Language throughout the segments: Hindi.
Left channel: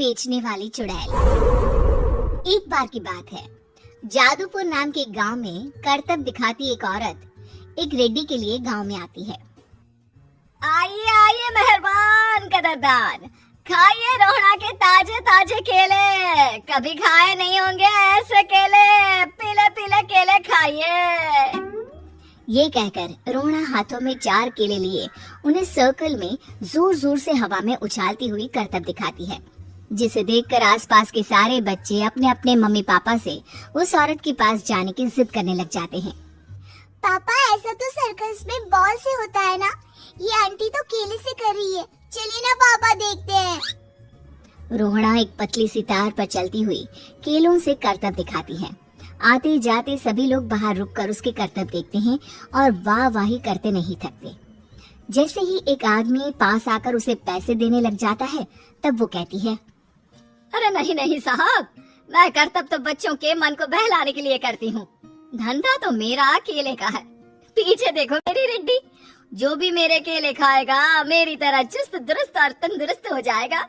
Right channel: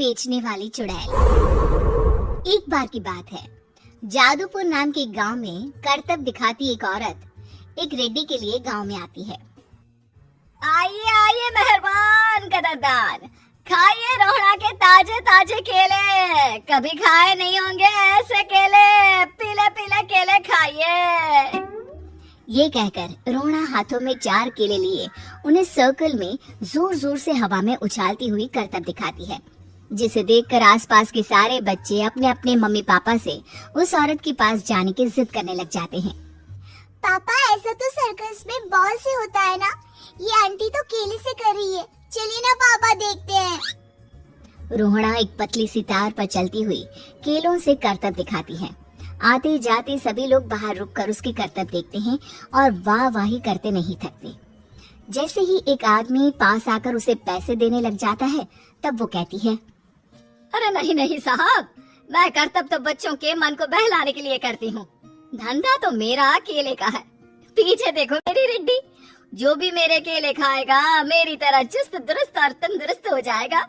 बेचने वाली चुड़ैल। एक बार की बात है, जादूपुर नाम के गांव में करतब दिखाती एक औरत एक रेड्डी के लिए गांव में आती है। आइए आइए मेहरबान कदरदान, खाइए रोहड़ा के ताजे ताजे केले, कभी खाए नहीं होंगे ऐसे केले, पीले पीले केले खाइए। ये कहकर रोहड़ा हाथों में 4 केले लिए उन्हें सर्कल में जोर जोर से हवा में उछालती हुई करतब दिखाती है, जिसे देखकर आसपास के सारे बच्चे अपने अपने मम्मी पापा से उस औरत के पास जाने की जिद करने लग जाते हैं। पापा ऐसा तो सर्कस में बॉल से होता है ना, ये आंटी तो केले से कर रही है, चलिए ना पापा देखते हैं। रोहड़ा एक पतली सी तार पर चलती हुई केलों से करतब दिखाती है। आते जाते सभी लोग बाहर रुककर उसके करतब देखते हैं और वाह वाही करते नहीं थकते। जैसे ही एक आदमी पास आकर उसे पैसे देने लग जाता है, तब वो कहती है, अरे नहीं नहीं साहब, मैं करतब तो बच्चों के मन को बहलाने के लिए करती हूँ, धंधा तो मेरा केले का है। पीछे देखो मेरी रिड्डी, जो भी मेरे केले खाएगा मेरी तरह चुस्त दुरुस्त और तंदुरुस्त हो जाएगा।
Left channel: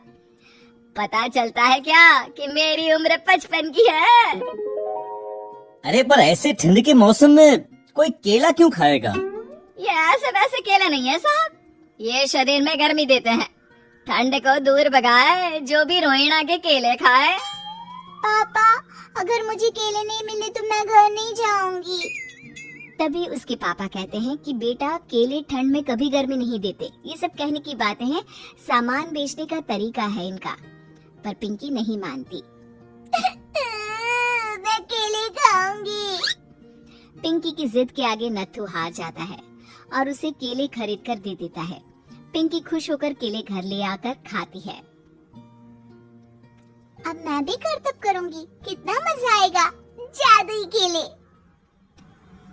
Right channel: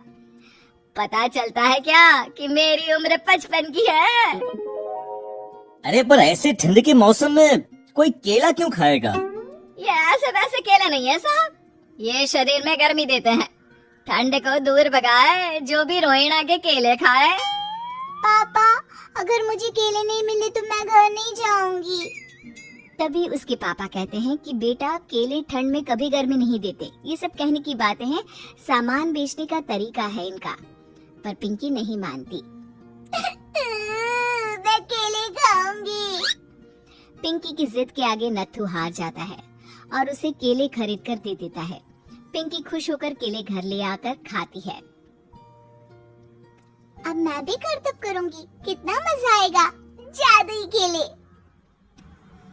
पता चलता है क्या कि मेरी उम्र 55 की है। अरे पर ऐसे ठंड के मौसम में कोई केला क्यों खाएगा? ये ऐसे वैसे केला नहीं है साहब, ये शरीर में गर्मी देते हैं, ठंड को दूर भगाए, जो भी रोहिणा के केले खाए। पापा अगर मुझे केले नहीं मिले तो मैं घर नहीं जाऊंगी। तभी उसके पापा कहते हैं कि बेटा केले ठंड में कभी गर्मी नहीं देते, ये सब कहने की बातें हैं, सामान बेचने का तरीका है इनका। पर पिंकी नहीं मानती। मैं केले खाऊंगी। पिंकी की जिद के आगे नत्थू हार जाता है और उसे केले खरीद कर दे देता है। पिंकी खुश होकर केले घर ले आकर खाती है। अब मैं भी करतब करूंगी, कितना मजा आएगा, जादुई केले।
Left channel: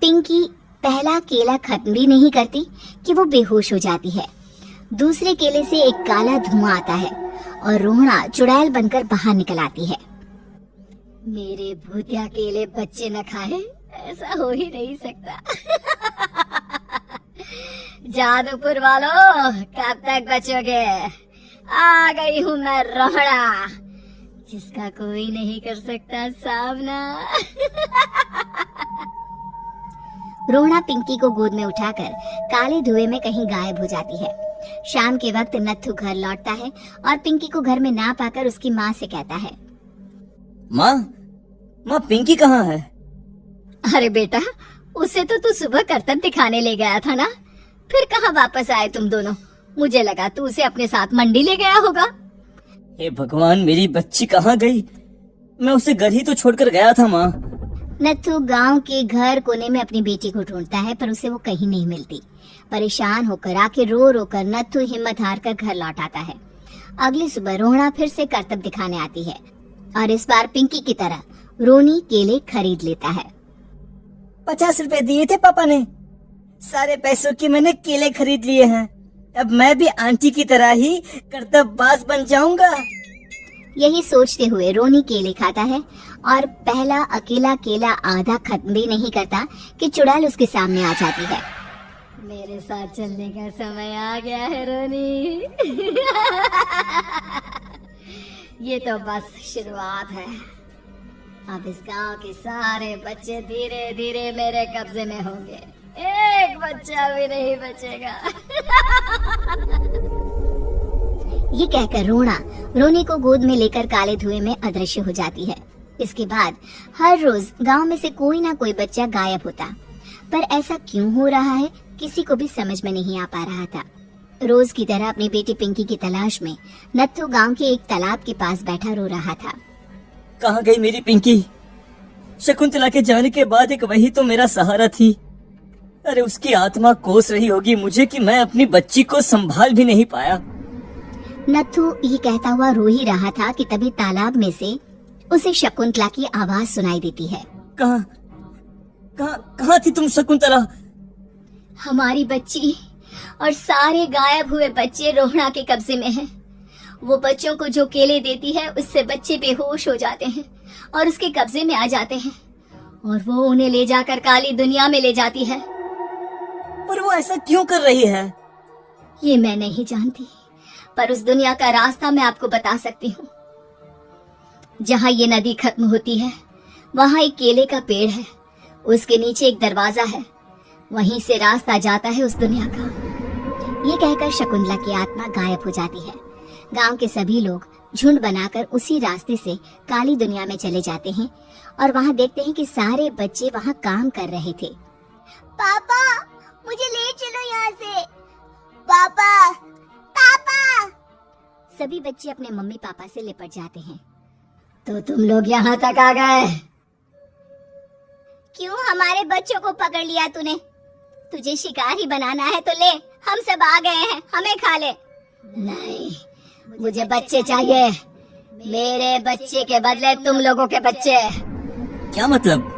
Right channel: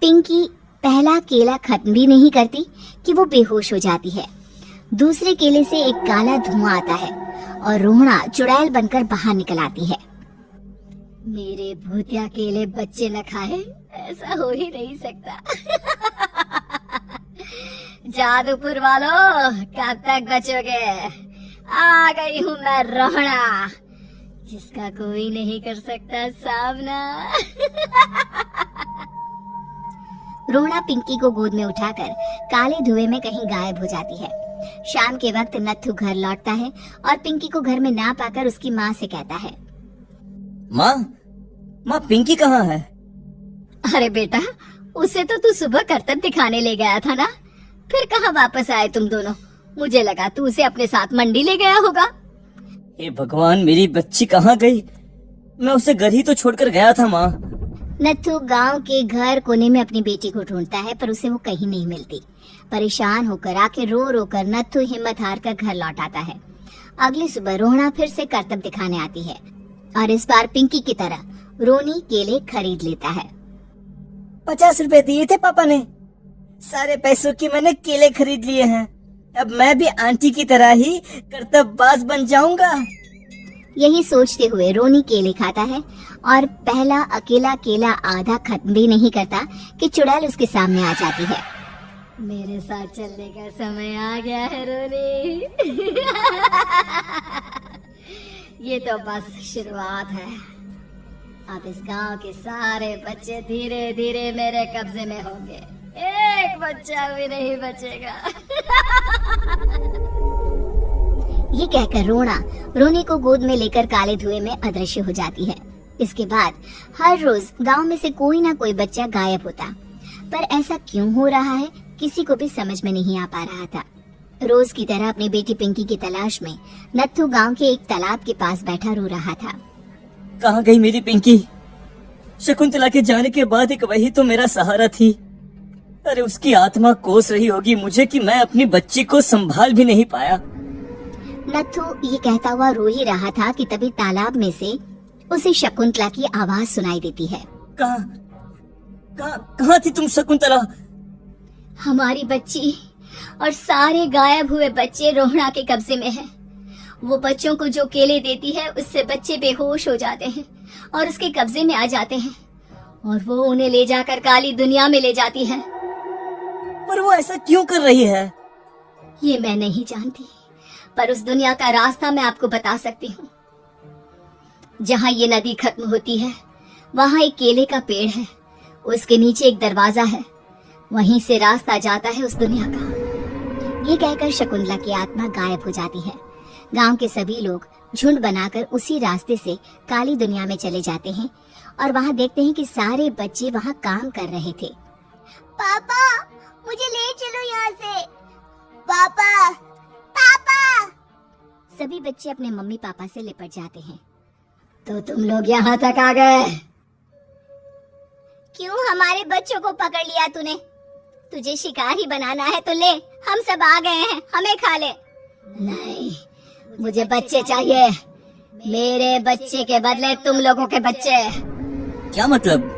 पिंकी पहला केला खत्म भी नहीं करती कि वो बेहोश हो जाती है। दूसरे केले से एक काला धुआं आता है और रोहड़ा चुड़ैल बनकर बाहर निकल आती है। मेरे भूतिया केले बच्चे न खाए, ऐसा हो ही नहीं सकता। जादूपुर वालों, कब तक बचोगे? आ गई हूँ मैं रोहड़ा, जिसका कोई नहीं कर सकता सामना। रोहड़ा पिंकी को गोद में उठाकर काले धुएं में कहीं गायब हो जाती है। शाम के वक्त नत्थू घर लौटता है और पिंकी को घर में ना पाकर उसकी माँ से कहता है, माँ पिंकी कहाँ है? अरे बेटा, उसे तो तू सुबह करतब दिखाने ले गया था ना, फिर कहाँ वापस आए तुम दोनों? मुझे लगा तू उसे अपने साथ मंडी ले गया होगा। हे भगवान, मेरी बच्ची कहाँ गई? मैं उसे घर ही तो छोड़कर गया था माँ। नत्थू गांव के घर कोने में अपनी बेटी को ढूंढता है, पर उसे वो कहीं नहीं मिलती। परेशान होकर आखिर रो रो कर नत्थू हिम्मत हार कर घर लौट आता है। अगली सुबह रोहड़ा फिर से करतब दिखाने आती है और इस बार पिंकी की तरह रोनी केले खरीद लेता है। 50 रुपए दिए थे पापा ने, सारे पैसों के मैंने केले खरीद लिए हैं। अब मैं भी आंटी की तरह ही करतबबाज बन जाऊंगा। यही सोचते हुए रोनी केले खाता है और पहला अकेला केला आधा खत्म भी नहीं करता कि चुड़ैल उसके सामने आ जाती है। मेरे साथ चलने का समय आ गया है रोनी। ये तो बस शुरुआत है, अब इस गांव के सारे बच्चे धीरे धीरे मेरे कब्जे में होंगे, एक बच्चा भी नहीं बचेगा। ये कहकर रोना रोनी को गोद में लेकर काले धुएं में अदृश्य हो जाती है। इसके बाद हर रोज गांव में से कोई ना कोई बच्चा गायब होता, पर ऐसा क्यों हो रहा है किसी को भी समझ में नहीं आ पा रहा था। रोज की तरह अपनी बेटी पिंकी की तलाश में नत्थू गांव के एक तालाब के पास बैठा रो रहा था। कहाँ गई मेरी पिंकी? शकुंतला के जाने के बाद एक वही तो मेरा सहारा थी। अरे उसकी आत्मा कोस रही होगी मुझे कि मैं अपनी बच्ची को संभाल भी नहीं पाया। नत्थू ये कहता हुआ रो ही रहा था कि तभी तालाब में से उसे शकुंतला की आवाज सुनाई देती है। कहाँ थी तुम शकुंतला? हमारी बच्ची और सारे गायब हुए बच्चे रोहड़ा के कब्जे में हैं। वो बच्चों को जो केले देती है उससे बच्चे बेहोश हो जाते हैं और उसके कब्जे में आ जाते हैं और वो उन्हें ले जाकर काली दुनिया में ले जाती है। पर वो ऐसा क्यों कर रही है? ये मैं नहीं जानती, पर उस दुनिया का रास्ता मैं आपको बता सकती हूँ। जहाँ ये नदी खत्म होती है वहाँ एक केले का पेड़ है, उसके नीचे एक दरवाजा है, वहीं से रास्ता जाता है उस दुनिया का। ये कहकर शकुंतला की आत्मा गायब हो जाती है। गांव के सभी लोग झुंड बनाकर उसी रास्ते से काली दुनिया में चले जाते हैं और वहाँ देखते हैं कि सारे बच्चे वहाँ काम कर रहे थे। पापा मुझे ले चलो यहाँ से। पापा पापा। सभी बच्चे अपने मम्मी पापा से लिपट जाते हैं। तो तुम लोग यहाँ तक आ गए? क्यों हमारे बच्चों को पकड़ लिया तूने? तुझे शिकारी बनाना है तो ले, हम सब आ गए हैं, हमें खा ले। नहीं, मुझे बच्चे चाहिए, मेरे बच्चे के बदले तुम लोगों के बच्चे। क्या मतलब?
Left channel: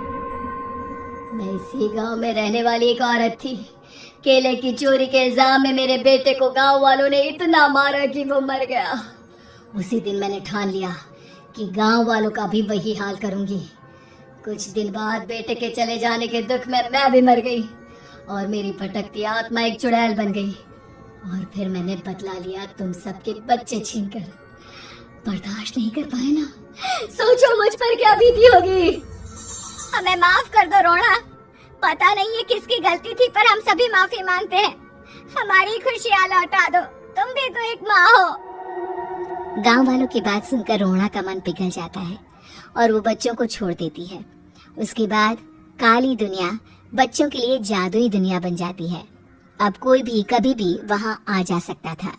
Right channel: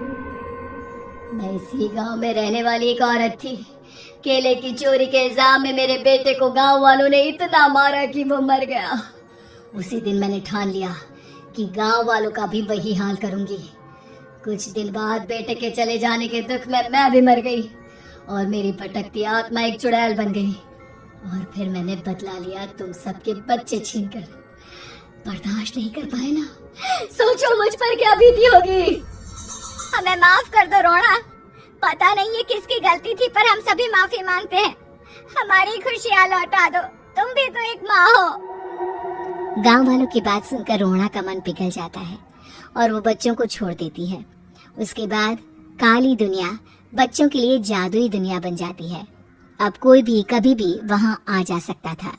मैं इसी गांव में रहने वाली एक औरत थी। केले की चोरी के इल्जाम में मेरे बेटे को गांव वालों ने इतना मारा कि वो मर गया। उसी दिन मैंने ठान लिया कि गांव वालों का भी वही हाल करूंगी। कुछ दिन बाद बेटे के चले जाने के दुख में मैं भी मर गई और मेरी भटकती आत्मा एक चुड़ैल बन गई। और फिर मैंने बदला लिया तुम सबके बच्चे छीनकर। बर्दाश्त नहीं कर पाए ना? सोचो मुझ पर क्या बीती होगी। हमें माफ कर दो रोड़ा, पता नहीं है किसकी गलती थी पर हम सभी माफी मांगते हैं। हमारी खुशियाँ लौटा दो, तुम भी तो एक माँ हो। गांव वालों की बात सुनकर रोहना का मन पिघल जाता है और वो बच्चों को छोड़ देती है। उसके बाद काली दुनिया बच्चों के लिए जादुई दुनिया बन जाती है। अब कोई भी कभी भी वहां आ जा सकता था।